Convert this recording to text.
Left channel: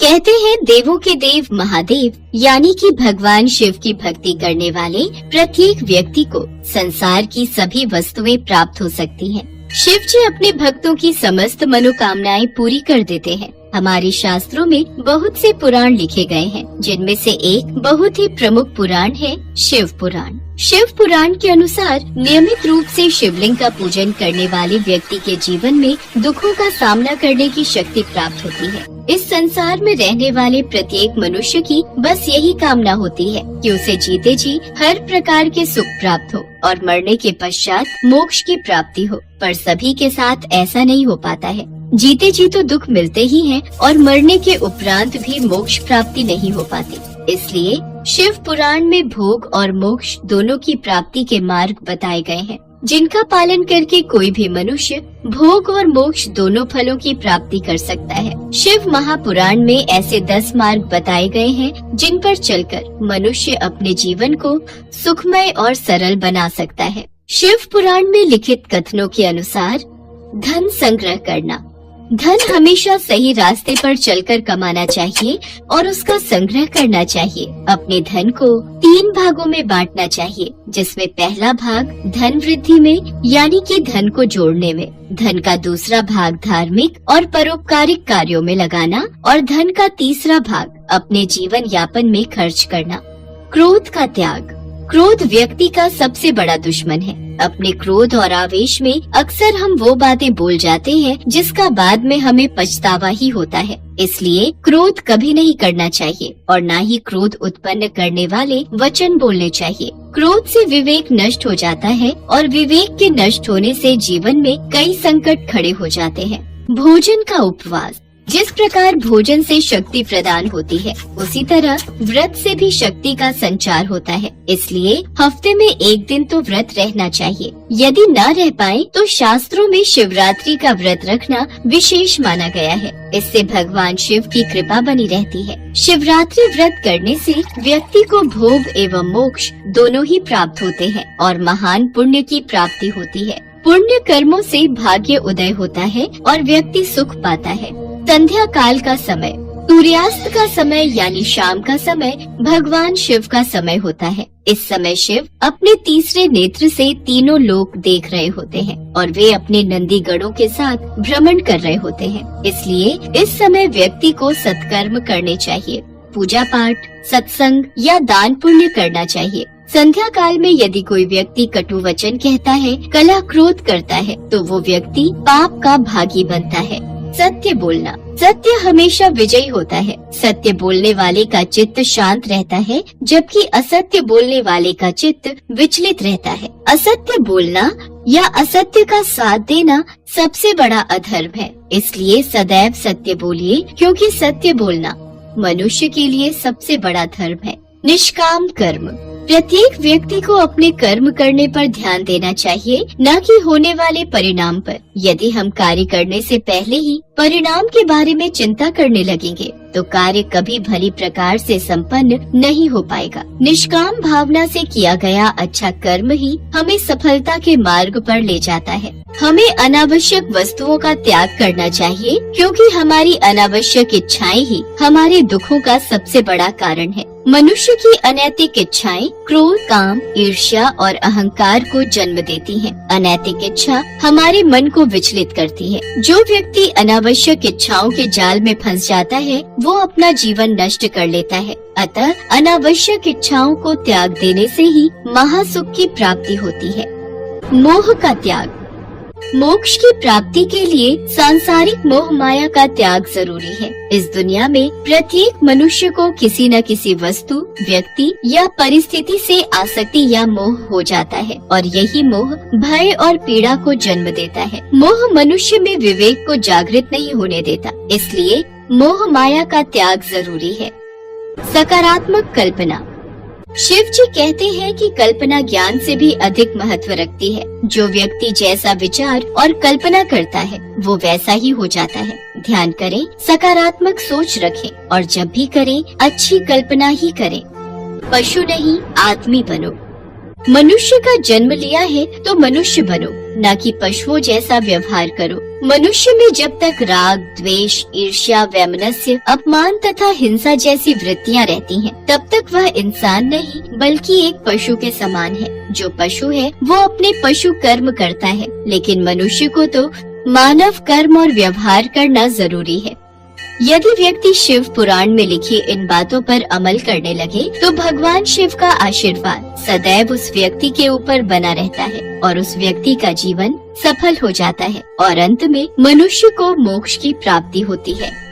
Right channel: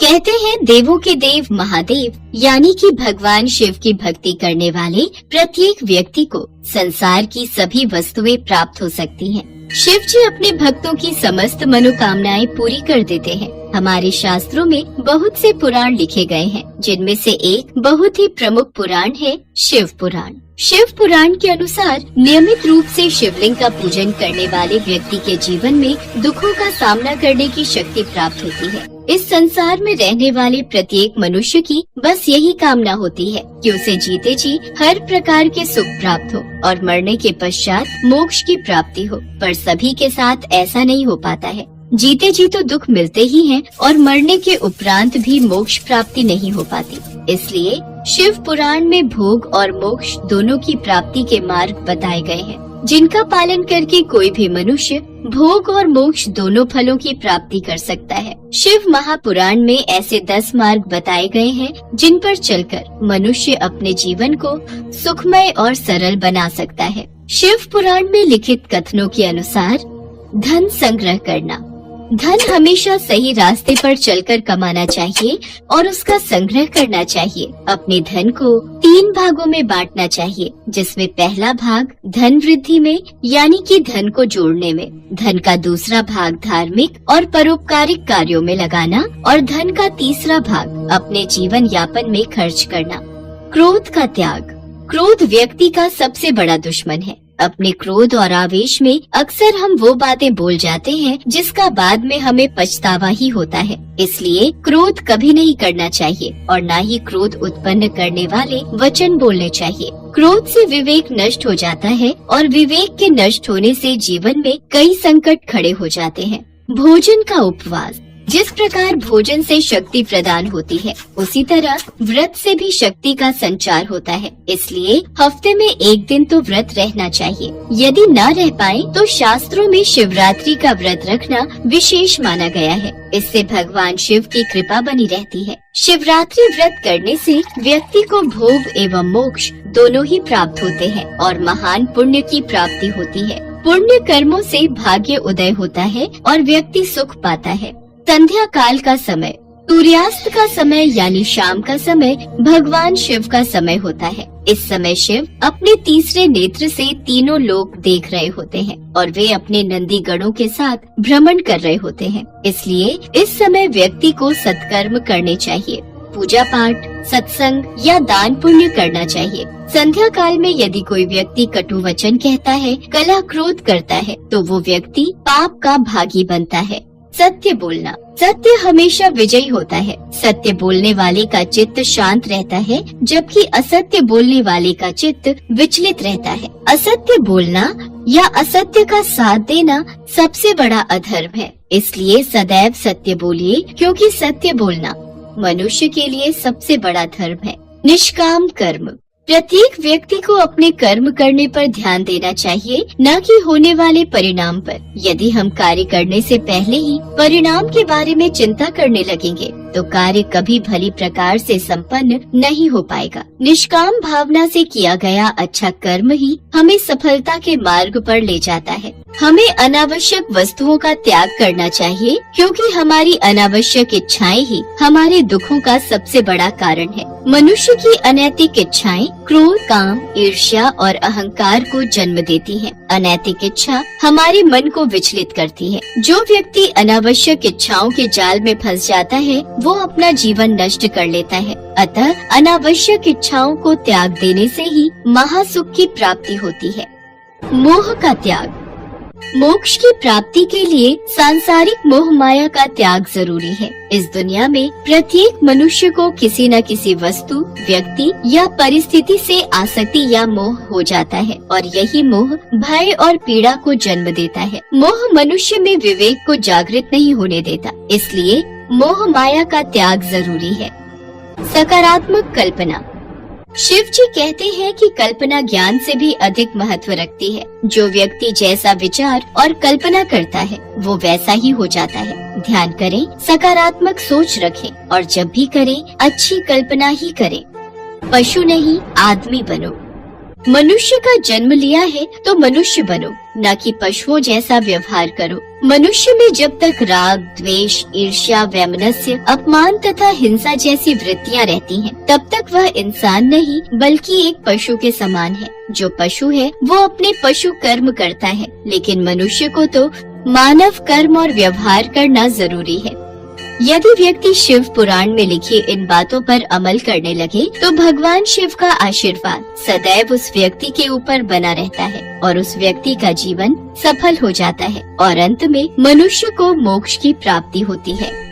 कहते हैं देवों के देव महादेव यानी कि भगवान शिव की भक्ति करने वाले प्रत्येक व्यक्ति को संसार की सभी वस्तुएं प्राप्त हो सकती हैं। शिव जी अपने भक्तों की समस्त मनोकामनाएं पूरी कर देते हैं। हमारे शास्त्रों में बहुत से पुराण लिखे गए हैं, जिनमें से एक बहुत ही प्रमुख पुराण है शिव पुराण। शिव पुराण के अनुसार नियमित रूप से शिवलिंग का पूजन करने वाले व्यक्ति के जीवन में दुखों का सामना करने की शक्ति प्राप्त होती है। इस संसार में रहने वाले प्रत्येक मनुष्य की बस यही कामना होती है कि उसे जीते जी हर प्रकार के सुख प्राप्त हो और मरने के पश्चात मोक्ष की प्राप्ति हो, पर सभी के साथ ऐसा नहीं हो पाता है। जीते जी तो दुख मिलते ही हैं और मरने के उपरांत भी मोक्ष प्राप्ति नहीं हो पाती। इसलिए शिव पुराण में भोग और मोक्ष दोनों की प्राप्ति के मार्ग बताए गए हैं, जिनका पालन करके कोई भी मनुष्य भोग और मोक्ष दोनों फलों की प्राप्ति कर सकता है। शिव महापुराण में ऐसे 10 मार्ग बताए गए हैं, जिन पर चलकर मनुष्य अपने जीवन को सुखमय और सरल बना सकता है। शिव पुराण में लिखित कथनों के अनुसार धन संग्रह करना। धन हमेशा सही रास्ते पर चलकर कमाना चाहिए और उसका संग्रह करना चाहिए। अपने धन को 3 भागों में बांटना चाहिए, जिसमें पहला भाग धन वृद्धि में यानी कि धन को जोड़ने में, धन का दूसरा भाग धार्मिक और परोपकारिक कार्यों में लगाना और धन का तीसरा भाग अपने जीवन यापन में खर्च करना। क्रोध का त्याग। क्रोध व्यक्ति का सबसे बड़ा दुश्मन है। अपने क्रोध और आवेश में अक्सर हम वो बातें बोल जाते हैं जिसका बाद में हमें पछतावा ही होता है। इसलिए क्रोध कभी नहीं करना चाहिए और न ही क्रोध उत्पन्न करने वाले वचन बोलने चाहिए। क्रोध से विवेक नष्ट हो जाता है और विवेक के नष्ट होने से जीवन में कई संकट खड़े हो जाते हैं। भोजन का उपवास। जिस प्रकार भोजन से शक्ति प्रदान होती है, उसी तरह व्रत से भी शक्ति का संचार होता है। इसलिए हफ्ते में एक दिन तो व्रत रहना चाहिए। यदि न रह पाए तो शास्त्रों में शिवरात्रि का व्रत रखना विशेष माना गया है। इससे भगवान शिव की कृपा बनी रहती है। शिवरात्रि व्रत करने से व्यक्ति को भोग एवं मोक्ष दोनों ही प्राप्त होते हैं और महान पुण्य की प्राप्ति होती है। पुण्य कर्मों से भाग्य उदय होता है और व्यक्ति सुख पाता है। संध्या काल का समय। सूर्यास्त का समय यानी शाम का समय भगवान शिव का समय होता है। इस समय शिव अपने तीसरे नेत्र से तीनों लोक देख रहे होते हैं और वे अपने नंदी गणों के साथ भ्रमण कर रहे होते हैं। इसलिए इस समय व्यक्ति को सत्कर्म करने चाहिए। पूजा पाठ, सत्संग या दान पुण्य करना चाहिए। संध्या काल में यदि कोई व्यक्ति कटु वचन कहता है, कलह क्रोध करता है, तो वो व्यक्ति पाप का भागी बनता है। सत्य बोलना। सत्य हमेशा विजयी होता है। सत्य बोलने वाले का चित्त शांत रहता है, जबकि असत्य बोलने वाले का चित्त विचलित रहता है। असत्य बोलना या असत्य का साथ देना सबसे बड़ा अधर्म है। इसलिए सदैव सत्य बोलिए, क्योंकि सत्य बोलना मनुष्य के लिए सबसे बड़ा धर्म है। निष्काम कर्म। प्रत्येक व्यक्ति को अपने कर्म करने पर ध्यान देना चाहिए, न कि होने वाले परिणाम पर। यदि हम कार्य करने से पहले ही परिणाम के बारे में चिंता करने लगेंगे तो कार्य कभी भली प्रकार से संपन्न नहीं हो पाएगा। निष्काम भावना से किया गया अच्छा कर्म ही हमें सफलता के मार्ग पर ले जाता है। हमें अनावश्यक वस्तुओं का त्याग करना चाहिए, क्योंकि हमारी अनावश्यक इच्छाएं ही हमारे दुखों का सबसे बड़ा कारण है। मनुष्य की अनैतिक इच्छाएं क्रोध, काम, ईर्ष्या और अहंकार को जन्म देती हैं। अनैतिक इच्छा हमारे मन को विचलित करती है। जो व्यक्ति अनावश्यक इच्छाओं के जाल में फंस जाता है, वो अपना जीवन नष्ट कर लेता है। अतः अनावश्यक इच्छाओं को त्याग देने से ही महासुख की प्राप्ति होती है। मोह का त्याग। मोक्ष की प्राप्ति के लिए सांसारिक मोह माया का त्याग जरूरी है। इस दुनिया में प्रत्येक मनुष्य को किसी न किसी वस्तु, व्यक्ति या परिस्थिति से आसक्ति या मोह हो जाता है और यही मोह भय और पीड़ा को जन्म देता है। मोह मनुष्य में विवेक को जागृत नहीं होने देता, इसलिए मोह माया का त्याग जरूरी है। सकारात्मक कल्पना। शिव जी कहते हैं कि कल्पना ज्ञान से भी अधिक महत्व रखती है। जो व्यक्ति जैसा विचार और कल्पना करता है, वो वैसा ही हो जाता है। ध्यान करें, सकारात्मक सोच रखें और जब भी करें अच्छी कल्पना ही करें। पशु नहीं आदमी बनो। मनुष्य का जन्म लिया है तो मनुष्य बनो, न कि पशुओं जैसा व्यवहार करो। मनुष्य में जब तक राग, द्वेष, ईर्ष्या, वैमनस्य, अपमान तथा हिंसा जैसी वृत्तियाँ रहती हैं, तब तक वह इंसान नहीं बल्कि एक पशु के समान है। जो पशु है वो अपने पशु कर्म करता है, लेकिन मनुष्य को तो मानव कर्म और व्यवहार करना जरूरी है। यदि व्यक्ति शिव पुराण में लिखी इन बातों पर अमल करने लगे तो भगवान शिव का आशीर्वाद सदैव उस व्यक्ति के ऊपर बना रहता है और उस व्यक्ति का जीवन सफल हो जाता है और अंत में मनुष्य को मोक्ष की प्राप्ति होती है।